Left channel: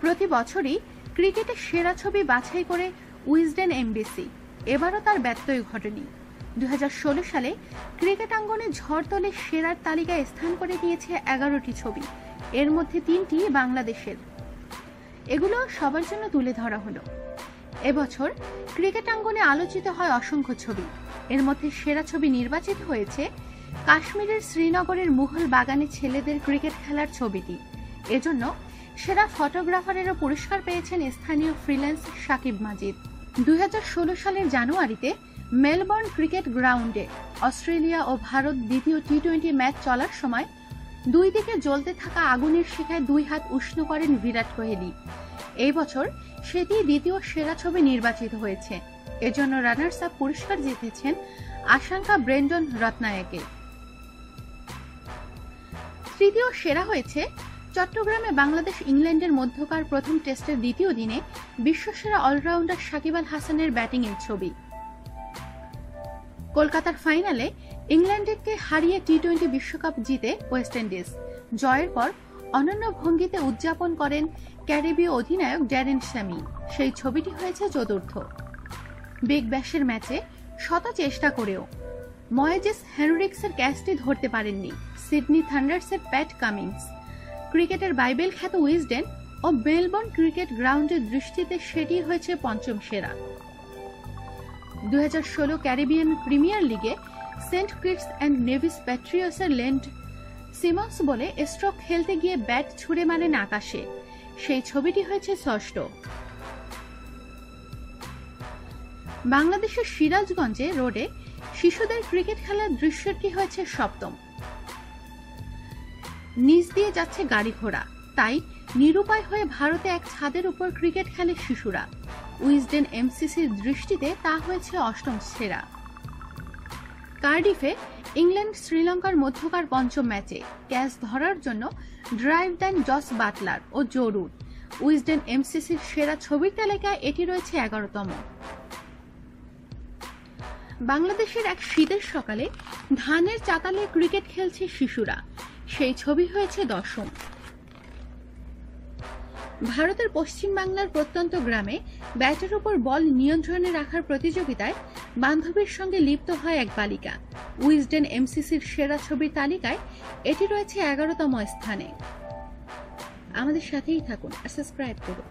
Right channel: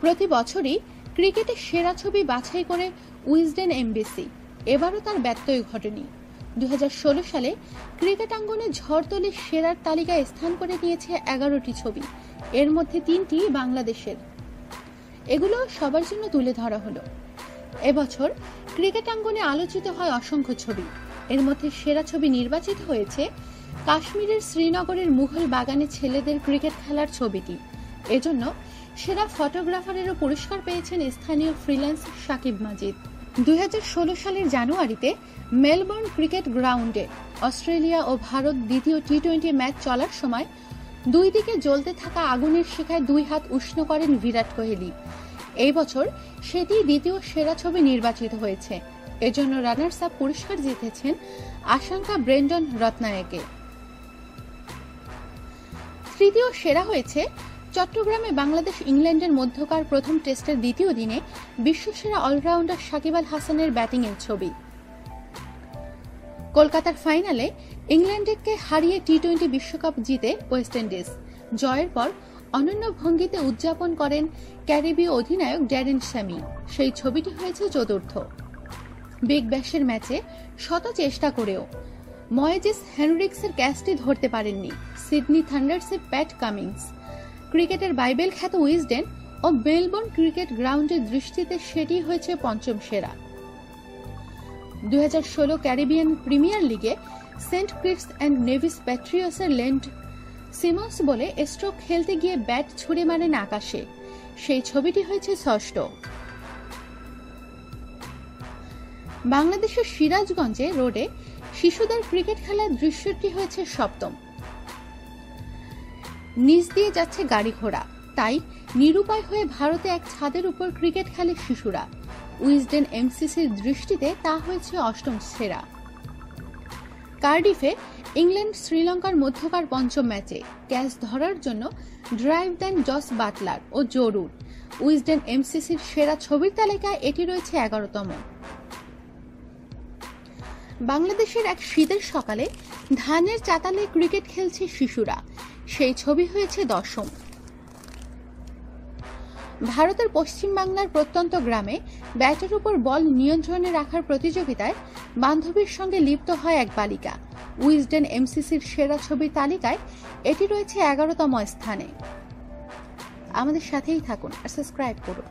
প্রতি বছরই ক্রিকেটের সেরা ছবি বাছাই করে উইজডেন এমবিসি, এবারও তার ব্যত্যয় ঘটেনি। 2016 সালে ক্রিকেট আঙ্গনে ঝড় তোলে সেরার তালিকায় স্থান করে নিয়েছে 11টি ছবি, এর মধ্যে 3টি বাংলাদেশের। এগুলো সবার জন্য তুলে ধরা হলো। এবছর ক্রিকেট আঙ্গনে আলোচিত হয় অসংখ্য ছবি, এর মধ্যে সেরা ছবি নির্বাচিত হয়েছে কাশ্মীরের শ্রীনগরের মুঘল বাগানে ছেলেদের ক্রিকেট খেলার ছবিটি। এজন্য সেরা ফটোগ্রাফারেরও পুরস্কার পেয়েছেন স্থানীয় ফ্রিল্যান্স সাকিব মাজিদ। 2016 সালের জানুয়ারিতে মেলবোর্ন ক্রিকেট গ্রাউন্ডে অস্ট্রেলিয়া ও ভারত দ্বিতীয় টি-20 ম্যাচ চলার সময় দুই দিকে জ্বলতে থাকা আগুনের শিখায় 2 হাত উষ্ণ করেন বিরাট কোহলি। এই বছর সেটি দ্বিতীয় সেরা ছবি নির্বাচিত হয়েছে। এজন্য রানার্স আপ পুরস্কার জিতেছেন আশাঙ্কা ব্রেন্ডন রত্নায়কে। তৃতীয় সেরা হয়েছে চট্টগ্রামে বাংলাদেশ ইংল্যান্ডের মধ্যকার প্রথম টেস্টের দ্বিতীয় দিনে বিশ্বসেরা অলরাউন্ডার সাকিব আল হাসানের ব্যাটিংয়ের ছবি। কলকাতার ফাইনালে ইংল্যান্ডকে হারিয়ে টি-20 বিশ্বকাপ জিতে ওয়েস্ট ইন্ডিজ। জয়ের পর অনন্য ভঙ্গিতে উদযাপন করেন ক্যারিবীয় অধিনায়ক ড্যারেন স্যামি। সেই ছবিটি হয়েছে চতুর্থ। বিগ ব্যাশের ম্যাচে শত চেষ্টা করেও ময়েজেস হেনরিক্সের ক্যাচটি ধরতে পারেননি সিডনি থান্ডার্সের প্যাট কামিন্স। ক্রিকেটের বাইবেল খ্যাত উইজডেন ও মেলবোর্ন ক্রিকেট গ্রাউন্ডের দৃষ্টিতে সেটি হয়েছে পঞ্চম সেরা। 2016 ক্যারিবিয়ান প্রিমিয়ার লিগে সেন্ট কিটস অ্যান্ড নেভিস প্যাট্রিয়টসের লেন্ড সিমন্স বলে স্ট্রোক খেলতে গিয়ে ব্যাট ছুড়ে মারেন আকাশে, সেই ছবিটি হয়েছে ষষ্ঠ। বাংলাদেশের সিরাজগঞ্জে রোডে শিশুদের ক্রিকেট খেলার দৃশ্যটি হয়েছে সপ্তম। নিচ দিয়ে যাচ্ছে গাড়ি ঘোড়া, তাই নিরুপায় হয়ে ভারতে এক ছাদের উপর ক্রিকেট খেলে শিশুরা। উইজডেন এমসিসির দৃষ্টিতে তা হয়েছে অষ্টম সেরা। কার্ডিফে ইংল্যান্ড শ্রীলঙ্কার মধ্যকার পঞ্চম ম্যাচে ক্যাচ ধরার জন্য ড্রাইভ দেন জস বাটলার ও জো রুট। উইজডেন এমসিসির সেরা ছবির তালিকায় এটি রয়েছে 11তম। বাংলাদেশের এক শীতের সকালে ধানের চাতালে ক্রিকেট খেলছে শিশুরা, সেই ছবি হয়েছে 10ম। ভারতের পশ্চিম বাংলার প্রত্যন্ত গ্রামে ব্যাটের উপর বল নিয়ন্ত্রণে রাখার প্রতিযোগিতায় বান্ধবীর সঙ্গে লিপ্ত হয় এক বালিকা। উইজডেন এমসিসির সেরা ছবির তালিকায় এটি রয়েছে 11তম স্থানে। আমাদের সাথেই থাকুন আর সাবস্ক্রাইব করুন।